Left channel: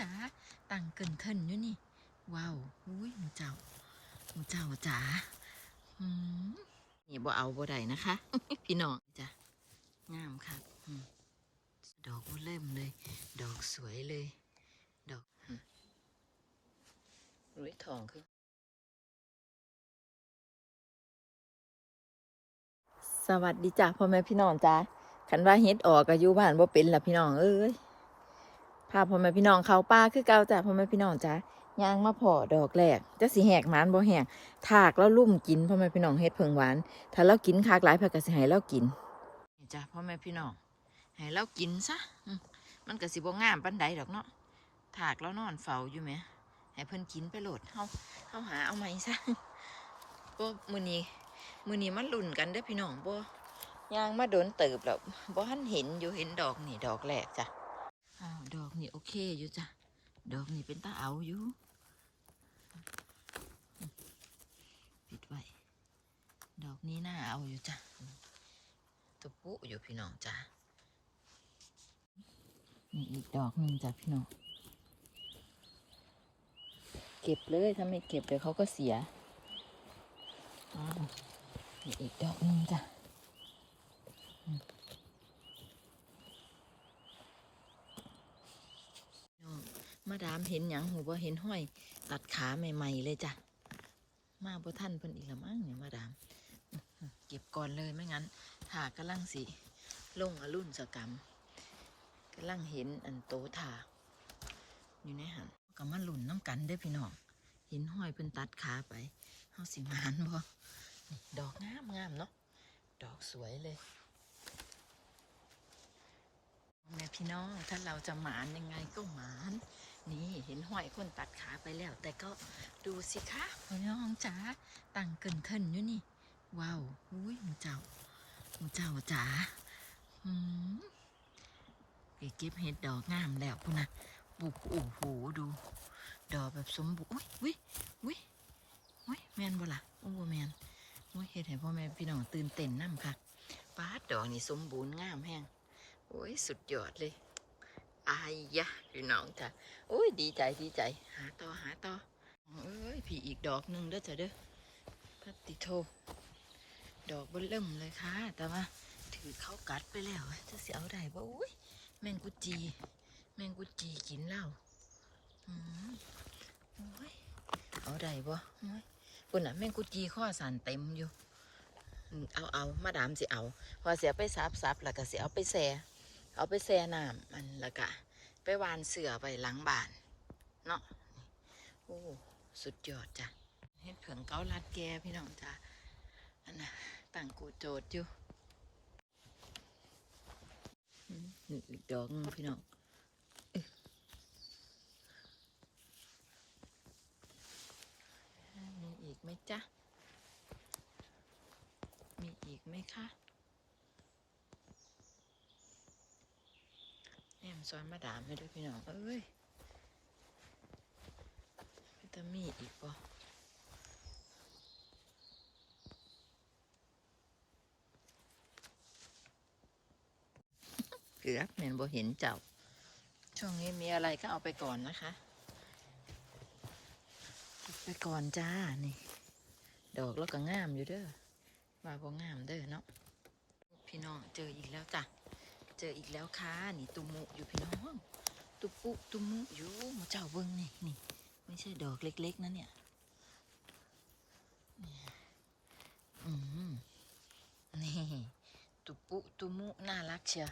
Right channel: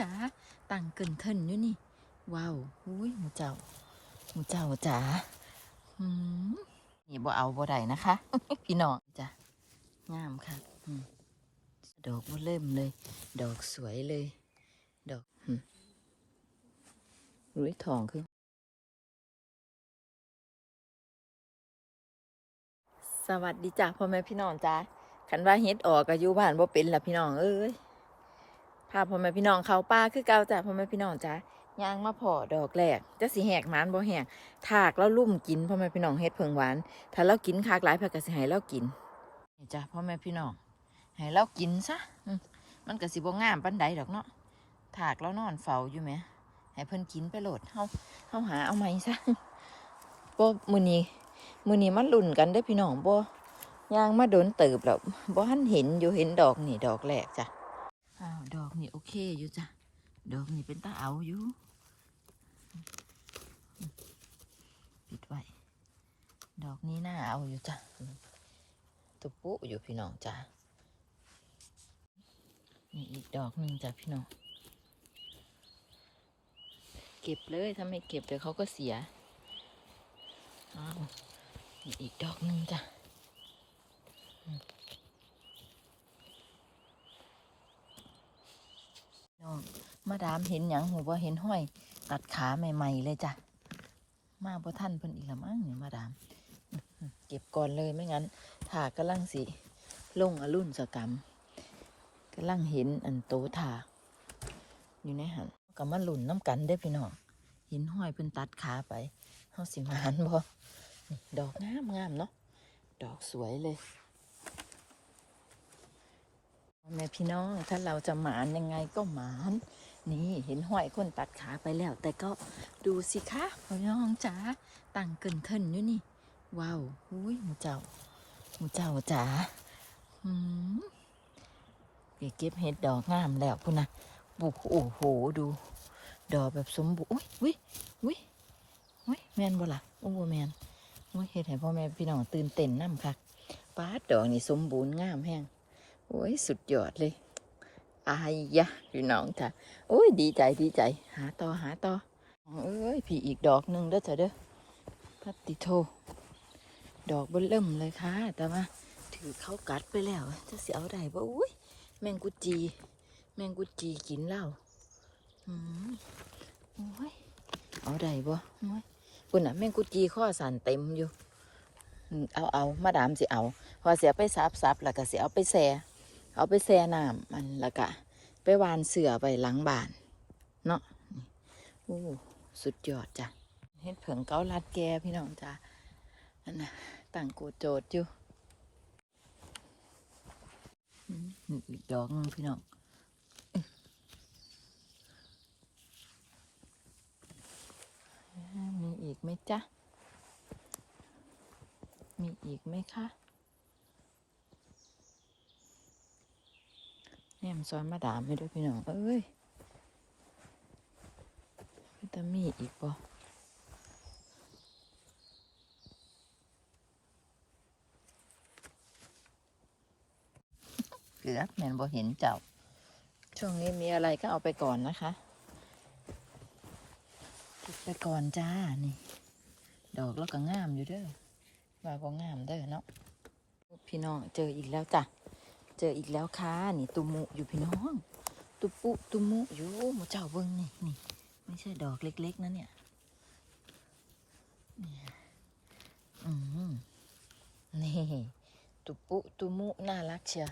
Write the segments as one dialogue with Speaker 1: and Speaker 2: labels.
Speaker 1: จ๋าตั้งเกินเทินอยู่นี่ ว้าวอุ้ยหมูเจ้าหมูเจ้าจ๋าอืมนี่บ่เอาบ่ได้นะคะ พี่น้องจ้ะงามค่ะดอกบ่เริ่มเลย ดอกสวยเลย ดอกอืมอุ้ยทองคือสวัสดีจ้ะพ่อแม่พี่น้องจ้าคันว่าเฮ็ดออกก็อยู่บ้านบ่เป็นล่ะพี่น้องเอ้ย พาพ่อแม่พี่น้องเขาป่าคือเก่าจ้ะพ่อแม่พี่น้องจ้าย่างมาพอดอกแรกจะสิแหกหมานบ่แหกถากแล้วลุ่มกินพ่อแม่พี่น้องเฮ็ดเพิงหวาน ถ้าเรากินคากหลายเพิ่นก็สิให้เรากินนี่จ้ะพ่อแม่พี่น้องให้เรากินซะมันก็สิบ่งามปานใดดอกเนาะถากแล้วนอนเฝ้าอยู่แหมให้เพิ่นกินไปโลดเฮาเฮาหาเอาใหมซะบ่มื้อนี้มือนี้มันลุ่นกันเด้อพี่น้องบ่ย่างมาโดนเติบแล้วบ่ทันเห็นอยู่เห็นดอกนี่ดอกแรกจ้ะ อ้าวดอกนี่โอเคอยู่จ้ะ ดอกนี่เป็นตาเอาอยู่ปิดไว้ดอกนี้น่าเอาอยู่จ้ะตุปุอยู่พี่น้องจ้ะนี่อีกดอกหนึ่งจ้ะพี่น้องเก็บเลยถ้าไม่เก็บเดี๋ยวเขาก็เสียอ้าวนี่อีกดอกหนึ่งจ้ะอืมน้องมา ดามเห็นหยังหูว่าเห็นห้อย ตัดขาใหม่ ๆ เลยจ้ะ มาบ่ท่านเพิ่นอีกละมั้งเนี่ยมาดาม เก็บก่อนเลยไม่งั้นถากกำลังสิลงอรุ่นสกรรมกำลังเห็นอันโตถากอยู่ในหันก็มาหลุนน้ำกันได้พี่น้องเห็นห้อยเพิ่นตัดขาไปเฮาสิมานบ่นี่ดอกงามงามเนาะดอกสวยเลยแม่พี่น้องถ้าเราจะหมานยังไงก็หมาน นี่เห็นห้อยคนตัดขาไปแล้ว แต่ก็ดูสิคะพ่อน้องจ๋าตั้งเกินเทินอยู่นี่ ว้าวอุ้ยหมูเจ้าหมูเจ้าจ๋าอืมไปเก็บเห็ดดอกงามแล้วพุ่นนะบุกโอ้โหดู ดอกแบบสมบูรณ์อุ้ยอุ้ยอุ้ยอุ้ยแมนบ่ล่ะโอ้บ่แมนโอ้ยเฮ็ดให้พ่อแม่พี่น้องตื่นเต้นน้ำค่ะป้าดดอกนี่สมบูรณ์งามแห้งโอ้ยสุดยอดเลย อายยะพี่น้องจ้ะโอ้ยดีใจดีใจ หาต่อหาต่อเอ้ยพี่อีกดอกหนึ่งเด้อจ้ะเด้อพัตติโท ดอกเบิ่เริ่มเลยค่ะ แต่ว่าถือเขากัดไปแล้วจะเสียเอาได้บ่อุ้ยแมงกุจี แมงกุจีกินเหล้าอืมโอ้ยเอาได้บ่โอ้ยคุณน่ะแมงกุจีข้อสันเต็มอยู่เอาเอามาดามสิเอา พอเสียไปซับซับแล้วก็เสิเอาไปแช่ เอาไปแช่น้ำมันแล้วก็ไปวานเสือไปหลังบ้าน เนาะโอ้สุดยอดจ้ะเฮ็ดเผิงเกาลัดแกพี่น้องจ้ะนั่นน่ะตั้งกูโจทย์อยู่อีกดอกหนึงพี่น้องมีอีกไหมจ๊ะ มีอีกไหมคะ แม่มนซ้อนมาดามให้ด้วยพี่น้องเอ้ยจะมีอีกบ่เกือบแม่นบ่เห็นเจ้า ช่วงนี้มีอะไรก็เอาไปก่อนนะคะเก็บไปก่อนจ้า นี่ ดอกแล้วก็งามอยู่เด้อว่าก็งามเด้อเนาะพี่น้องเจออีกแล้วจ้ะ เจออีกแล้วค่ะนี่ตุมุอยู่พี่น้อง ตุปุตุมุอยู่หมาเจ้าเบิ้งนี่นี่ไม่ใช่ดอกเล็กๆนะเนี่ยนี่อืมนี่ตุปุตุมุน่ารักเชียว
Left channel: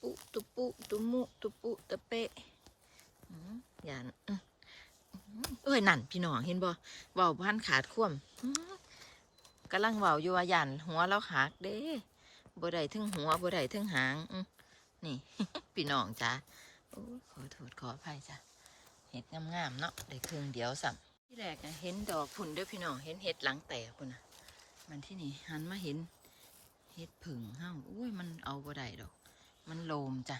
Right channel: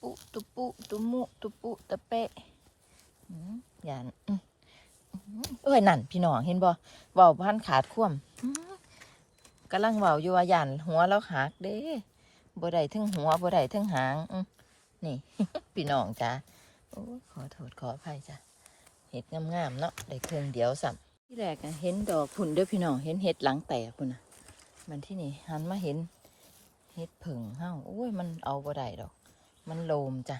Speaker 1: ปุตุปุตุมุตุปุตะเปะอืมอย่าเอ้ยนั่นพี่น้องเห็นบ่เบาพันขาดคว่ำอืมกำลังเบาอยู่ว่ายันหัวเราหักเด้ บ่ได้ทั้งหัวบ่ได้ทั้งหางนี่ พี่น้องจ้าโอ้ขอโทษขออภัยจ้ะเห็ดงามๆเนาะได้เพียงเดียวสัมที่แรกอะเห็นดอกผุ่นเด้อพี่น้องเห็นเห็ดหลังแตกพุ่นะมันที่นี่หันมาเห็นเห็ดผึ่งเฮ้าโอ้ยมันเอาบ่ได้ดอก มันโลมจ้ะ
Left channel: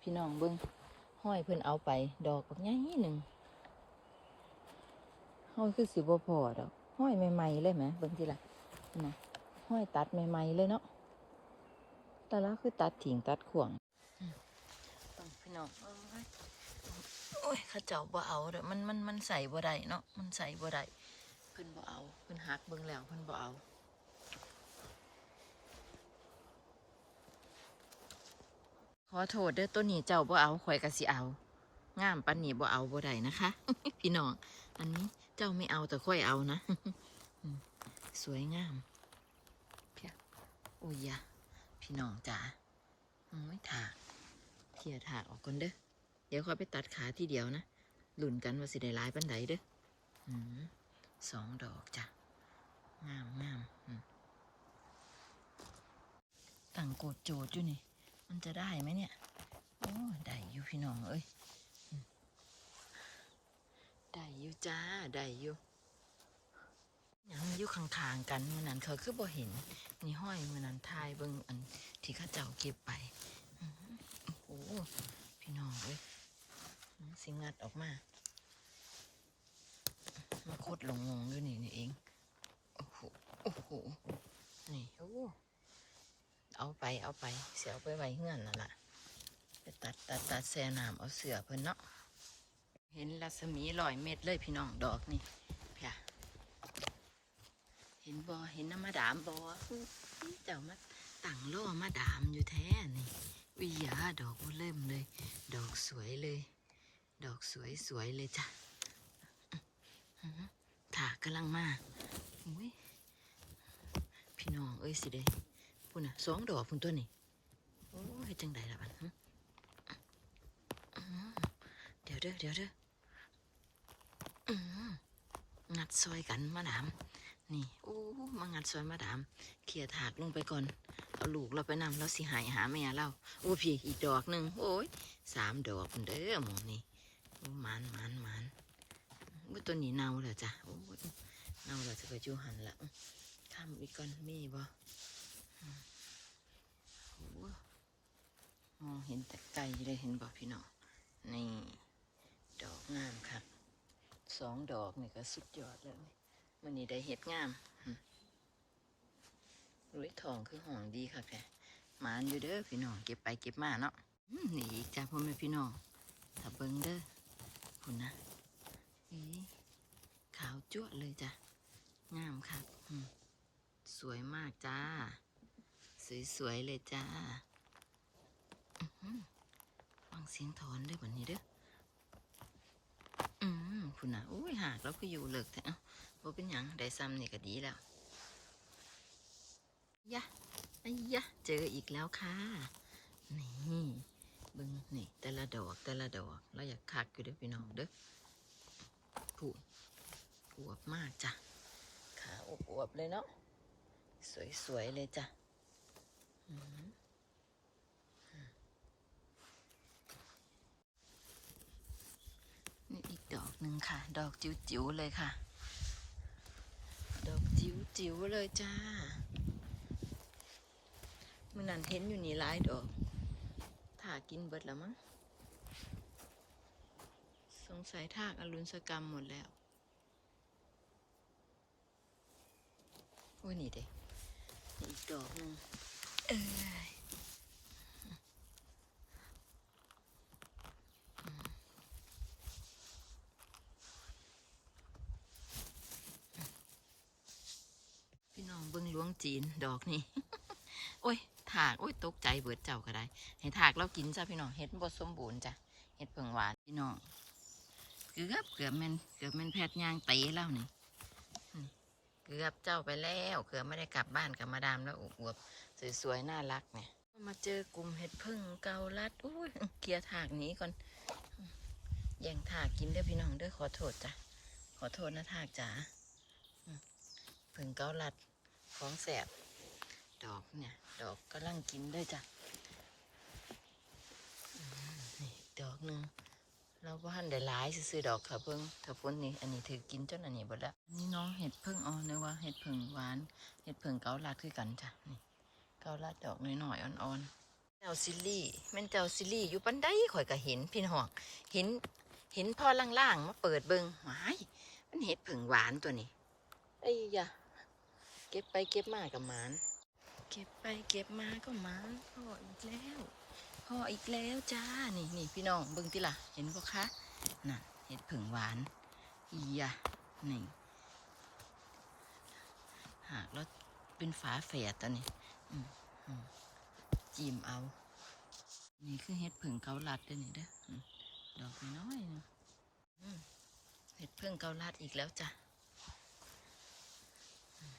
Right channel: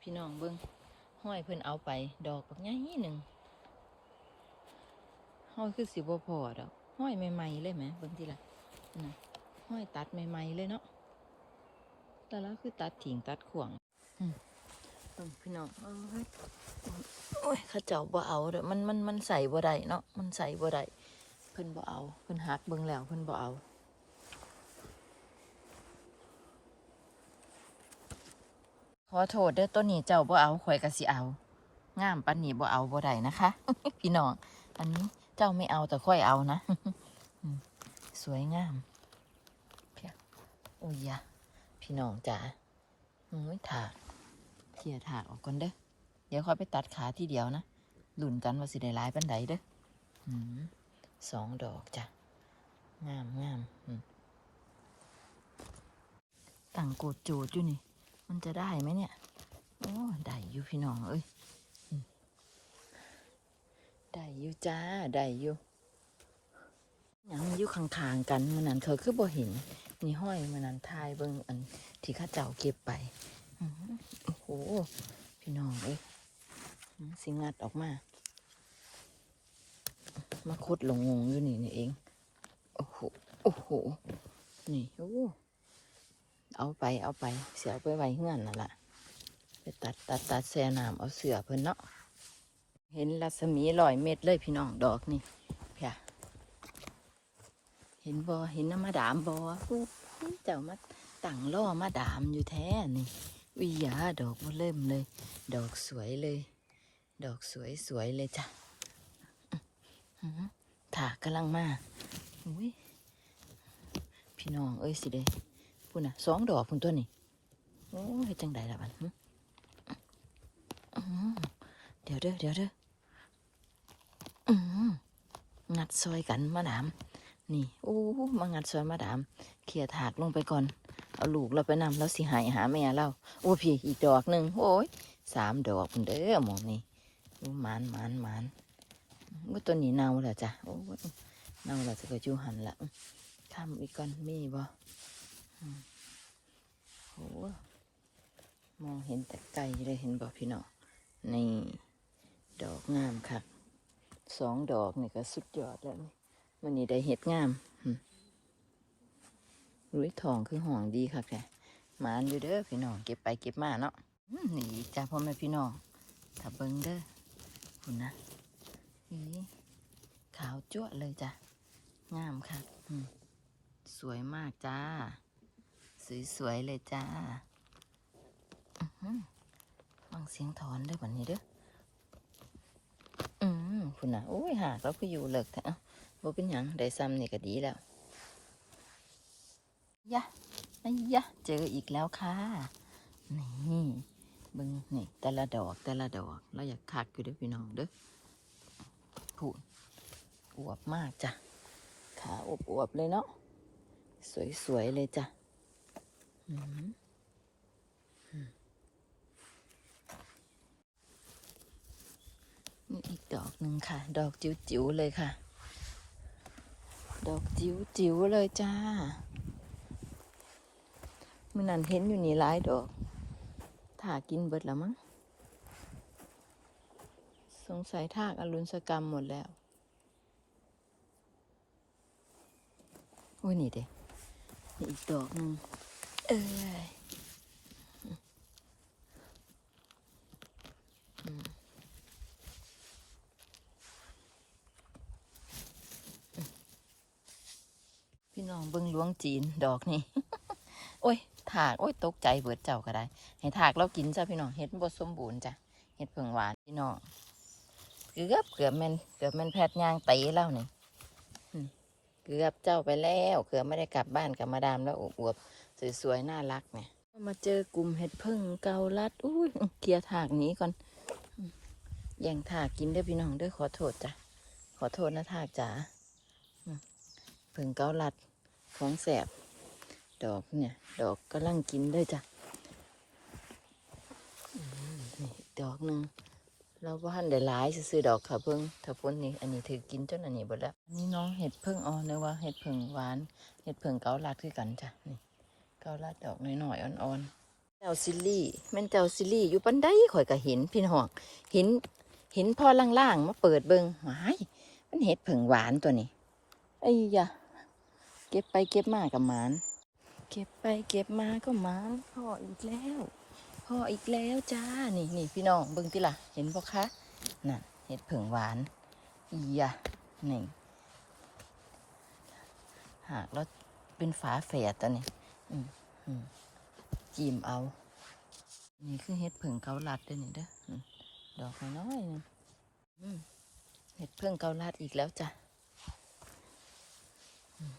Speaker 1: พี่น้องเบิ้งห้อยเพิ่นเอาไป ดอกบักใหญ่หนึ่งห้อยคือสิบพอดอกห้อยใหม่ๆเลยไหมเบิ่งทีละนะ ห้อยตัดใหม่ๆเลยเนาะแต่ละคือตัดถิงตัดขวงอืมบิ่งพี่น้องโอ้ยข้าเจ้าบ่เอาเด้อมันมันมันใส่บ่ได้เนาะมันใส่บ่ได้เพิ่นบ่เอาเพิ่นหักเบิ่งแล้วเพิ่นบ่เอาขอโทษเด้อต้นนี้เจ้าบ่เอาข่อยก็สิเอางามปันนี้บ่เอาบ่ได้นะคะ พี่น้อง อันนี้เจ้าไม่เอาแต่ค่อยเอานะ สวยงาม อ้ยะพี่น้องจ๋าโอ้ยถากเคลียรถากออกก่อนเด้อ เดี๋ยวค่อยไปตัดขาที่เดียวนะหลุนกันว่าสิได้ลายปันใดเด้ออืมสองดอกจ้ะ งามงามอืมตั้งโกดโจดอยู่นี่ มันจะได้ไหมเนี่ย โอ้ได้อยู่พี่น้องเอ้ยอได้อยู่จ้าได้อยู่ยังอยู่ข้างๆกันมันนั้นเขาคือบ่เห็น นี่ห้อยมันนั้นทายเบิ่งอันที่ข้าเจ้าเก็บไปโอ้โหพี่น้องเอ้ยสิงัดออกมา มาคุดหลงงงอยู่นี่นี่เอง โอ้โหโอ้โหนี่โอ้เอาไปเอาไปเสียเอาไปไว้เงื่อนนั่นละไปตัดตัดตัดแซ่น้ำเอาเสือเพิ่นเนาะเห็นรัศมีลอยเม็ดเลยพี่น้องดอกนี่ ห็นบอเห็นน้ำมาดามบออู้เจ้ามาตั้งล่อมาดามอยู่แท้นี่วิยาดอกมันเริ่มเลย ดอกสวยเลย ดอกสวยสวยเลยจ้ะถากกำลังมาอุ้ยพี่น้องเอ้ยสิเด้พุ่นน่ะสองดอกพุ่นตัวนี่โอ้ยจังใดล่ะบันเดี๋ยวเด้อเดี๋ยวเด้องัดซอยกันมาดาม นี่โอ้มางัดซอยมาดาม เขี่ยถากลงไปก่อน เอาลูกเราไปนำแล้วสิหายหาแม่เราโอ้พี่อีกดอกหนึ่งโอ้ยสามดอกพุ่นเด้อหมองนี่โอ้หมานมานมานว่าตัวนี้เน่าแล้วจ้ะโอ้ยเน่าแล้วจะไปจูหันละข้ามอีกก่อนมีบ่โหมองเห็นแต่ไกลเลยเห็นบอกพี่น้องนี่ดอกงามครับสองดอกนี่ก็สุดยอดแล้วนี่ มันนี่ได้เห็ดงามรุ้ยทองคือห่องดีค่ะแกหมานอยู่เด้อพี่น้องเก็บไปเก็บมาเนาะนี่จ้าพ่อแม่พี่น้องถ้าเบิ้งเด้อคุณนะอีขาวจั่วเลยจ้ะงามค่ะสวยมากจ้า สวยๆเลยจ้าฟังเสียงถอนได้แบบนี้เด้ออืมคุณนะโอ้ยหากเราคืออยู่เลิกแท้เอ้า บ่เป็นหยังได้ซ้ำนี่ก็ดีแล้วยะไอ้ยะ เจออีกแล้วค่ะ นี่บึงนี่ แต่ละดอกแต่ละดอกเราอยากคักอยู่ด้อพี่น้องเด้อพูดอวบมากจ้ะ ขาอวบๆเลยเนาะ สวยๆเลยจ้ะนี่อีกดอกหนึ่งค่ะ ดอกจิ๋วๆเลยค่ะ ดอกจิ๋วๆเลยจ้ามันนั่นเห็นอยู่นี่หลายดอกถากินเบิดแล้วมั้งสงสัยทากอรุณสกรรมหมดแล้ว โอ้นี่เด้อีกดอกนึงเอ้ยอืมพี่น้องเบิ่งหล วงจีนดอกนี่ โอ้ยถากโอ้ยตกใจเบิดเจ้าก็ได้ ให้ถากเรากินจ้ะพี่น้องเห็ดบดสมบูรณ์จ้ะเห็ดเผิงหวานพี่น้องเกือบเกือบแม่นเกือบแม่นแพทย์ยางตีแล้วนี่เกือบเจ้าไปแล้วเกือบไม่ได้กลับบ้านกับมาดามแล้วอวบสวยๆน่ารักเนี่ยมาเจอกลุ่มเห็ดพึ่งเกาลัดอุ้ยเคลียร์ถากหนี้ก่อนแย่งถากกินเด้อพี่น้องเด้อขอโทษจ้ะขอโทษนะถากจ๋าพึ่งเกาลัด ของแสบ ดอกเนี่ย ดอกกำลังกินได้จ้ะอดอกหนึ่งเราบ้านได้หลายซื้อดอกค่ะเพิ่งถ้าฝนนี่อันนี้ถือกินจนอันนี้หมดแล้วอันนี้น้องเห็ดเพึ่งอ่อนเนยว่าเห็ดเพึ่งหวานเห็ดเพึ่งเกาลัดคือกันจ้ะนี่เกาลัดดอกน้อยๆอ่อนๆเจ้าซิลลี่แม่นเจ้าซิลลี่อยู่ปันไดข่อยก็เห็นพี่น้องเห็นเห็นพอล่างๆมาเปิดเบิงหายมันเห็ดเผึ่งหวานตัวนี้ไอ้ยะ เก็บไปเก็บมากับหมาน เก็บไปเก็บมาก็หมานพ่ออีกแล้วพ่ออีกแล้วจ้า นี่นี่พี่น้องเบิ่งติล่ะ เห็นบ่คะ น่ะ เห็ดเผึ่งหวาน อียะนี่ หากแล้วเป็นฝาแฝดตัวนี้อืมอืมจิ้มเอา นี่คือเห็ดเผึ่งเกาลัดเด้อนี่เด้อ ดอกน้อยๆนึงอืมเห็ดเผึ่งเกาลัดอีกแล้วจ้ะอืม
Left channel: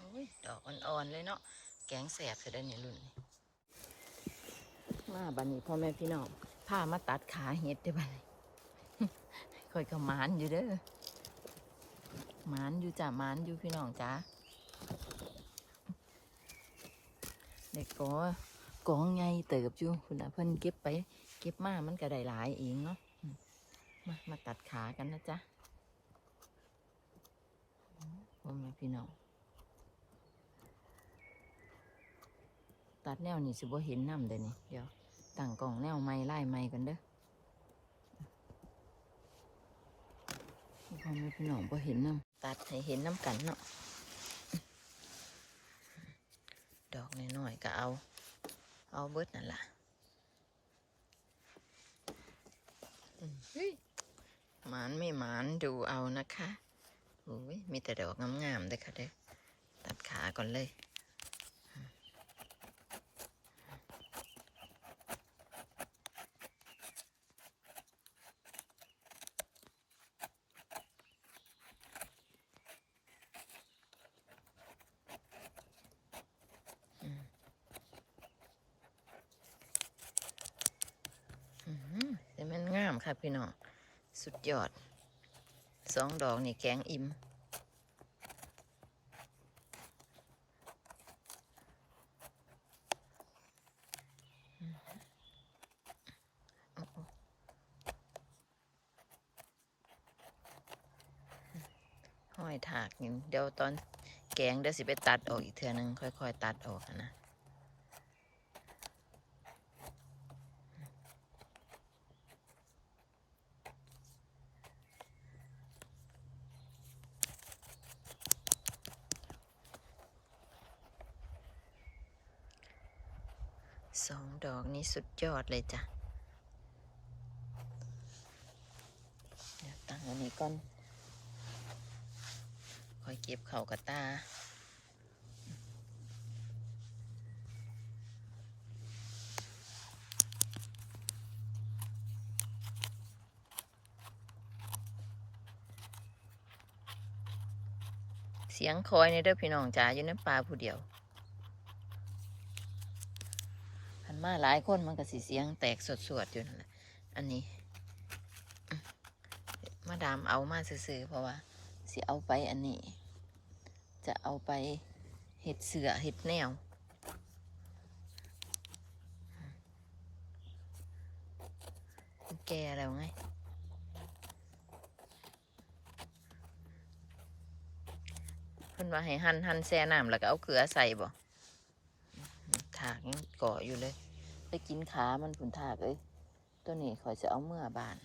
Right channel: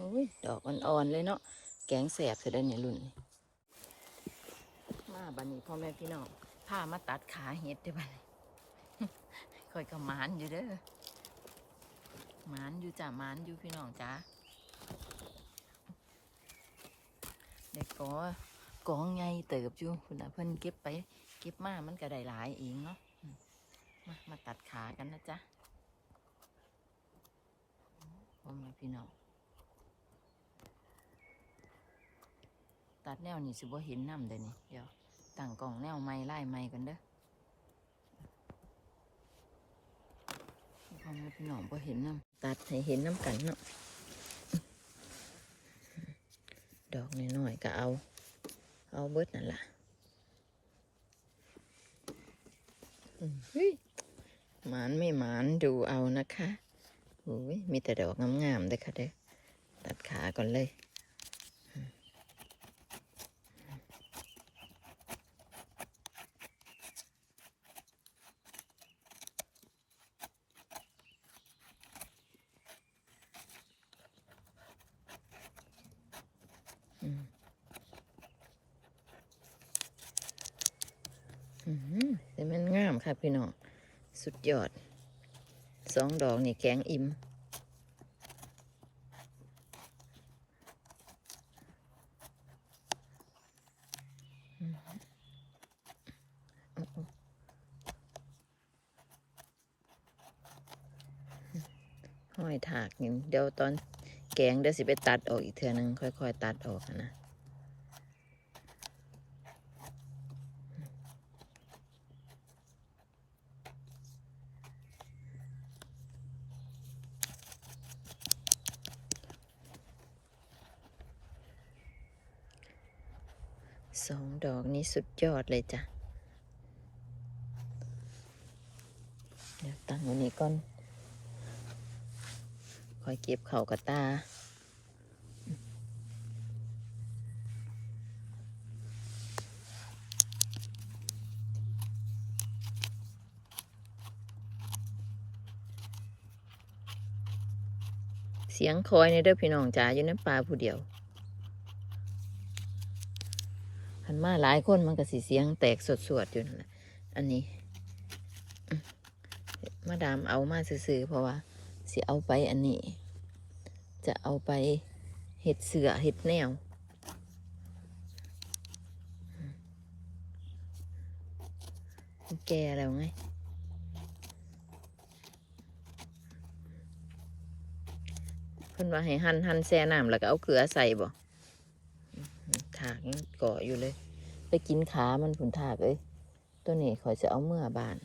Speaker 1: โอ้ยดอกอ่อนๆเลยเนาะแกงแสบเสร็จแล้วเนี่ยรุ่นนี้มาบันนี้พ่อแม่พี่น้องพามาตัดขาเห็ดได้บันนี้คอยกับมานอยู่เด้อมานอยู่จ้ะมานอยู่พี่น้องจ้าเด็กก็กองไงเติบอยู่คุณนะเพิ่นเก็บไป เก็บมามันก็ได้หลายเองเนาะมามาตัดขากันนะจ๊ะพ่อแม่พี่น้อง ตัดแนวนี่สิบ่เห็นน้ำเด้อนี่เดี๋ยวตั้งกล่องแนวไม้ไล่ไม้กันเด้อพ่อแม่พี่น้องบ่เห็นน้ำตัดให้เห็นน้ำกันเนาะดอกน้อยๆก็เอา เอาเบิดนั่นล่ะหมานไม่หมานดูเอานะคะโอ้ยมีแต่ดอกงามๆเด้อค่ะเด้อตัดขาก่อนเลย อืมอืมแต่มันงาม ค่ะพี่น้อง สุดยอด สองดอกนี่แกงอิ่มห้อยถากนี่เดี๋ยวตอนแกงเดี๋ยวสิไปตัดออกอีกเทื่อนึงค่อย ๆ ตัดออกนะ สองดอกนี้ สุดยอดเลยจ้ะ เดี๋ยวตั้งไว้นี้ก่อน คอยเก็บเข่ากระตาเสียงคอยในเด้อพี่น้องจ๋าอยู่ในป่าผู้เดียว หัน มาหลายคนมันก็สิเสียงแตกสวดๆอยู่นั่นแหละอันนี้ มาดามเอามาซื้อๆเพราะว่าสิเอาไปอันนี้ จะเอาไปเห็ดเสือเห็ดแนวแกแล้วไงเพิ่นว่าให้หั่นหั่นแซ่น้ำแล้วก็เอาเกลือใส่บ่ถากยังเกาะอยู่เลย ไปกินขามันผุนถากเอ้ยตัวนี้ขอยจะเอาเมื่อบาน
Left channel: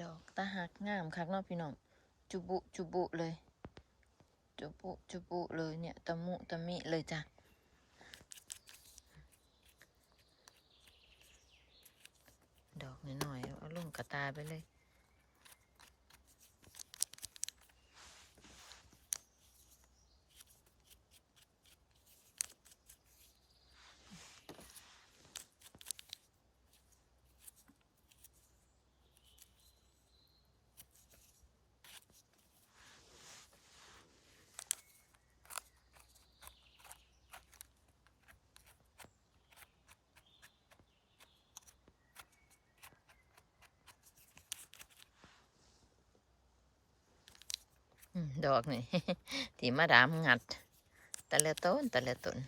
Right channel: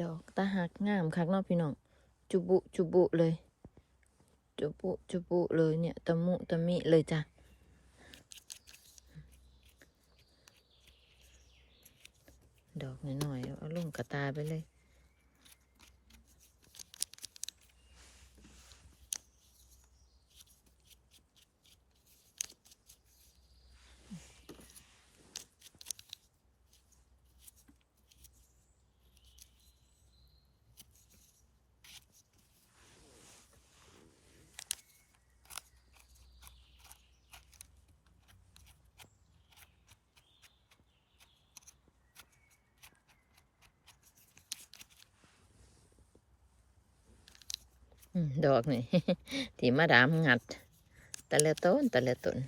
Speaker 1: ดอกตาหักงามคักเนาะพี่น้อง จุบุจุบุเลย จุบุจุบุเลยเนี่ยตะมุตะมิเลยจ้ะดอกหน่อยๆเอาลงกระตาไปเลย ดอกนี่ที่มาดามงัด แต่ละต้นแต่ละต้น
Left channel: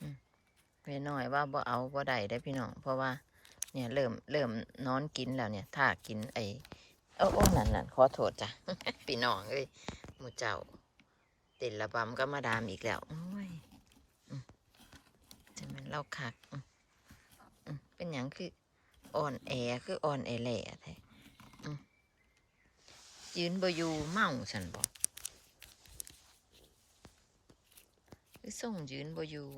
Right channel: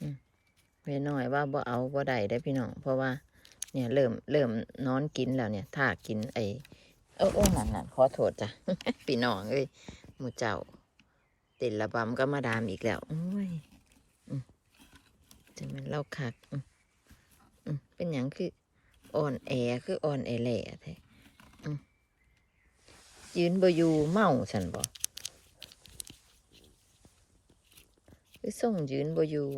Speaker 1: อืมเวน้อยว่าบ่เอาบ่ได้ได้พี่น้องเพราะว่า เนี่ยเริ่มเริ่มนอนกินแล้วเนี่ย ถ้ากินไอ้โอ้โอ้นั่นนั่นขอโทษจ้ะพี่น้องเอ้ยหมูเจ้าติดระบำก็มาดามอีกแล้วโอ้ย จะเป็นเล่าคักเป็นอย่างคืออ่อนแอคืออ่อนแอแหล่แท้อืมยืนบอยู่เมาฉันบอกคือส่งยืนบอยู่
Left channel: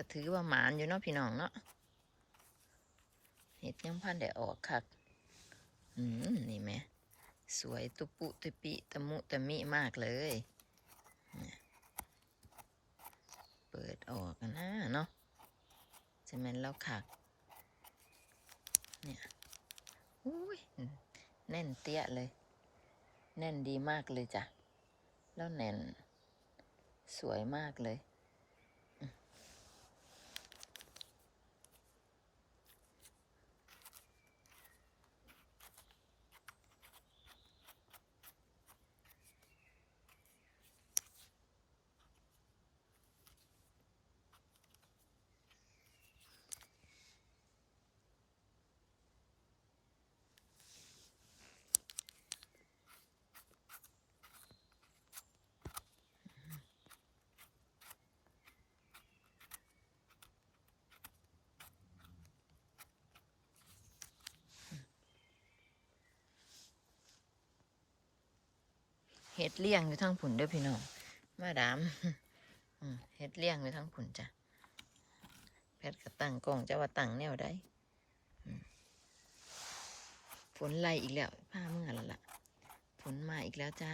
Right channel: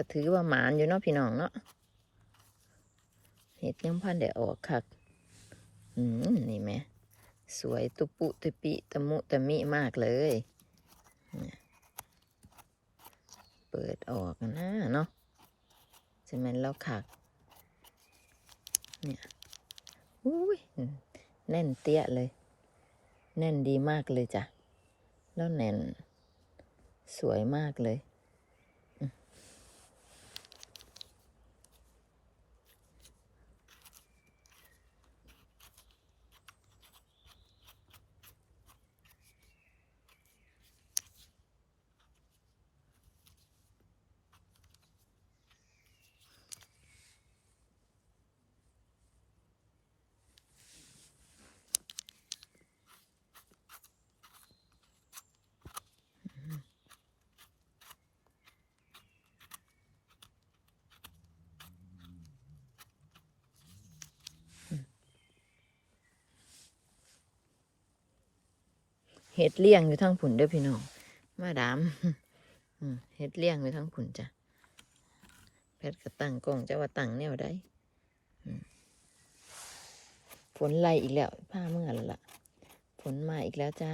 Speaker 1: ก็ถือว่าหมานอยู่เนาะพี่น้องเนาะเห็ดยังพันได้ออกคักอืมนี่แหม่สวยตุปุตุปิตะมุตะมิมากเลย เปิดออกนะเนาะจะแม่นแล้วคัก เนี่ยอุ้ยแน่นเตี้ยเลย แน่นดีมากเลยจ้ะ แล้วแน่น สวยมากเลย เห็ดเลี้ยงอยู่ทั้งผุนเด้อพี่น้อง มาดามเห็ดเลี้ยงอยู่ทั้งผุนจ้ะแพทย์ก็ตั้งกล้องจะว่าตั้งแนวได้ฝนไล่อีกแล้วผ้าเมื่อแล้วล่ะฝนมาอีกแล้วจ้า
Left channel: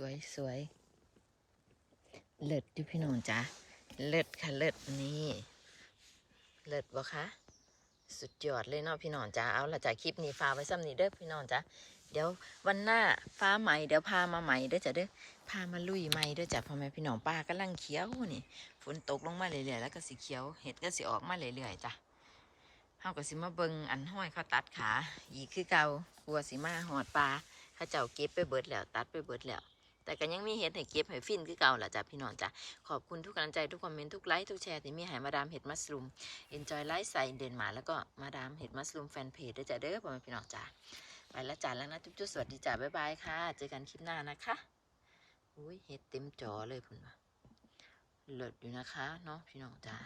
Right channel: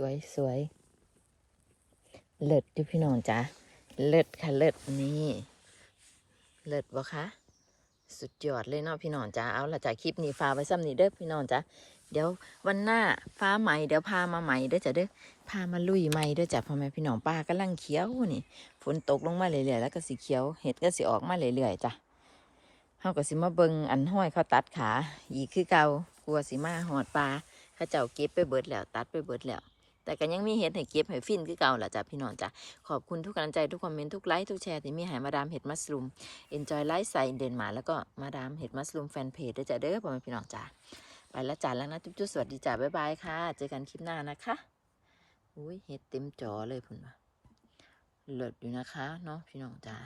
Speaker 1: สวยสวยเลิศอยู่พี่น้องจ้ะเลิศค่ะเลิศนี่เลิศบ่คะสุดยอดเลยเนาะพี่น้องจ้าเอาละจ้ะคลิปนี้ฟ้าไว้ซ้ำนี้เด้อพี่น้องจ้าเดี๋ยววันหน้าฟ้าใหม่เดี๋ยวพามาใหม่เด้อจ้ะเด้อพามาลุยใหม่เด้อจ้ะพ่อแม่พี่น้องป้ากำลังเขียวนี่ฝนตกลงมาเรื่อยๆแล้วก็สีเขียวเห็ดก็สิออกมาเรื่อยๆจ้ะเฮาก็สิมาเบิงอันห้อยเขาตัดขาอีกคือเก่ากลัวสิมาหอดปลาเขาเจ้าเก็บไปเบิดแล้ว ตัดไปเบิดแล้ว แต่ก็ยังมีเห็ดให้เก็บให้ฟินคือเก่าแหละจ้ะพี่น้องจ้ะขอบคุณทุกกำลังใจทุกคอมเมนต์ทุกไลค์ทุกแชร์ที่มีให้มาดามเห็ดมัสลูม Enjoy Life ใส่เดนมาร์แล้วก็มาดามเห็ดมัสลูมแฟนเพจด้วยจ้ะเด้อพ่อแม่พี่น้องจ้าไปแล้วจ้าแล้วนะจุ๊บจุ๊บสวัสดีจ้าบ๊ายบายค่ะ เจอกันคลิปหน้านะคะอุ้ยเห็ดเต็มจอเลยพุ่นว่ะเลิศอยู่นะคะเนาะพี่น้องจ้า